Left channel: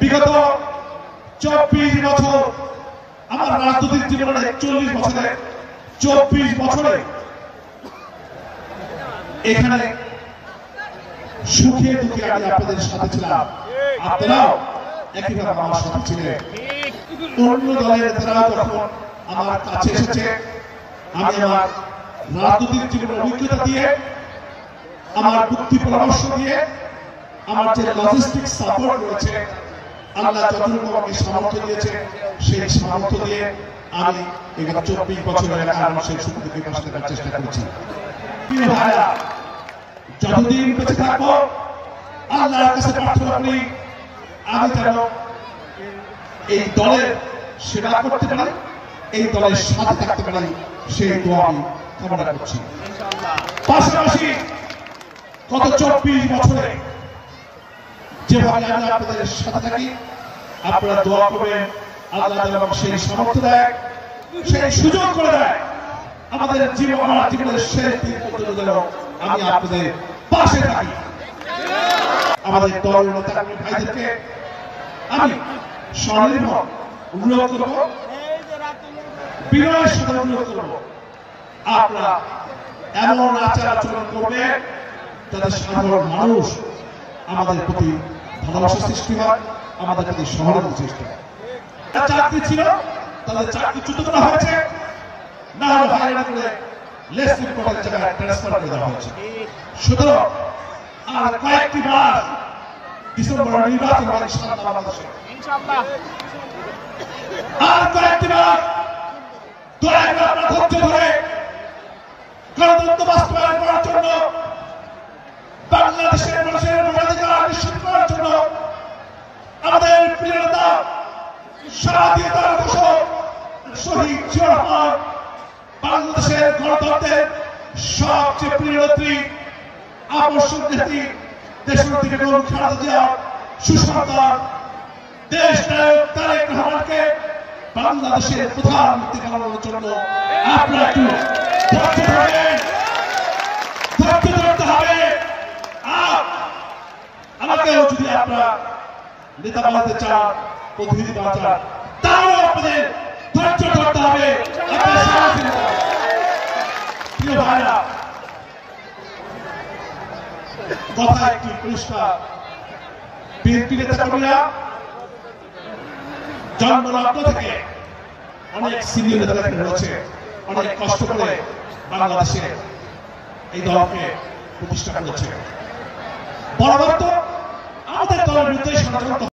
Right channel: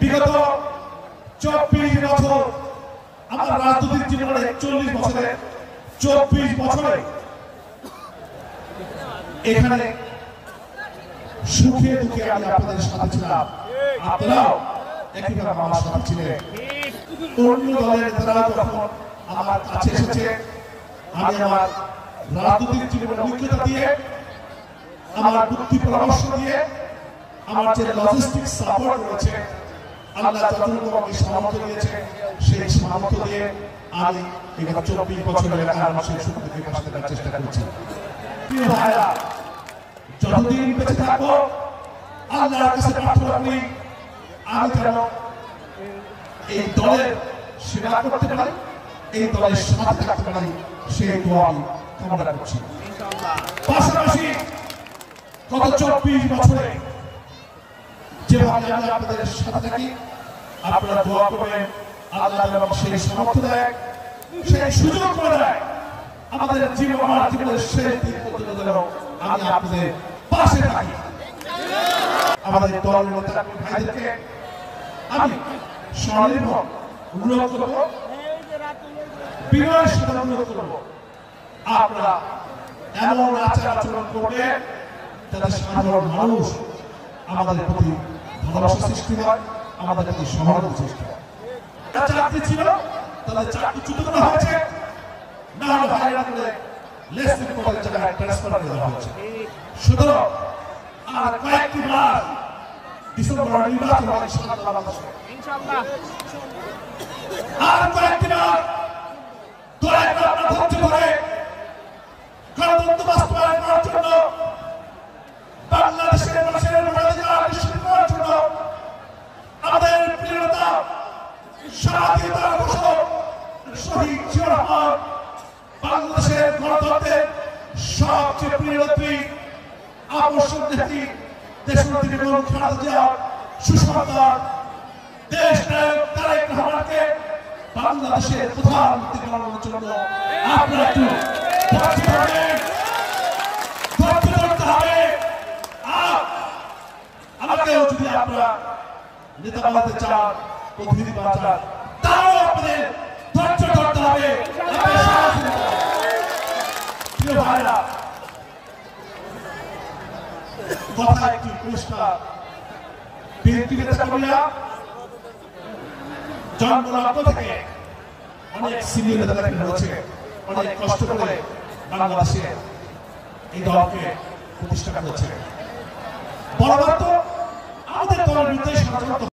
বিগত 24 বছর আমার রাজনৈতিক জীবনের 41 বছরে 24 বছরে এখানে সুখে দুঃখে আমি আপনাদের সাথে ছিলাম, আপনারাও একইভাবে আমার সাথে ছিলেন। অন্য দলের নেতারাও যখন আমার কাছে এসেছে, আমি আমার রাজনৈতিক জীবনের অভিজ্ঞতা দিয়ে, আমার বুদ্ধি পরামর্শ দিয়ে, আমার যে লজিস্টিক সাপোর্ট রয়েছে, আল্লাহ যতটুকু আমাকে সামর্থ্য দিয়েছে, সেই সামর্থ্য দিয়ে আমি এখানে 24 বছরের মানুষের সুখ দুঃখে পাশে থাকার চেষ্টা করেছি। প্রিয় ভাইরা, যতদিন বেঁচে থাকবো আল্লাহর কাছে প্রার্থনা করি আমি যেন এই দলের সেবা করতে পারি, এই দলের সাথে থাকতে পারি, সেই দোয়া আমি কামনা করছি। পাশাপাশি গত 24 বছরে যেভাবে আমি আপনাদের সাথে থাকি, আপনারা দোয়া করবেন আল্লাহ যেন সেই সামর্থ্য দেয়, সেই সুযোগ করে দেয়, আমাদের জীবন আমার জীবনের শেষ দিন পর্যন্ত যেন আমি আপনাদের পাশে থাকি। আমাদের দলের নেতা ভাইদেরকে আমি স্বনির্ভর অনুরোধ করব, বিনয়ের সাথে অনুরোধ করব, আপনারা এমন আচার আচরণ করবে যাতে সাধারণ মানুষ আমাদের প্রতি ভালোবাসা সৃষ্টি হয়, আমাদের প্রতি সহানুভূতি সৃষ্টি হয়। চাকরি ছিল, তাদের চাকরিচ্যুত করা হয়েছে, না হলে হয়রানি করে লেস রিপোর্টের জায়গায় ট্রান্সফার করে দেওয়া হয়েছে। সুতরাং আর কয়েকটি মাস ডিসেম্বরের নির্বাচন হবে ইনশাআল্লাহ, আর কয়েকটি মাস দয়া করে আপনারা ধৈর্য ধরে গণতন্ত্র বাস্তবায়ন করার জন্য, বাংলাদেশের মানুষের ভোটাধিকার নিশ্চিত করার জন্য আমাদের প্রিয় নেতা স্বাধীনতার ঘোষক শহীদ জিয়াউর রহমান, বাংলাদেশের গণতন্ত্রের সবচেয়ে প্রিয় নেত্রী, আকর্ষক নেত্রী, দেশনেত্রী বেগম খালেদা জিয়ার সুসন্তান দেশ নায়ক তারেক রহমানকে বাংলাদেশের প্রধানমন্ত্রী বানানোর জন্য আপনারা একটু ধৈর্য ধরবেন, ধৈর্য ধরতে হবে। আর আমাকেও যদি আপনারা নেতা বানাতে চান, প্রতিনিধি বানাতে চান, তাহলে আপনাদের ধৈর্য ধরতে হবে। প্রিয় ভাইরা, কথা একটি পরিষ্কার, বিএনপি নেতা কর্মীরা জন্মলগ্ন থেকে অনেক সিনিয়র নেতা রয়েছে, অনেক কষ্ট করে বাংলাদেশে এই দলকে প্রতিষ্ঠা করেছে। বড়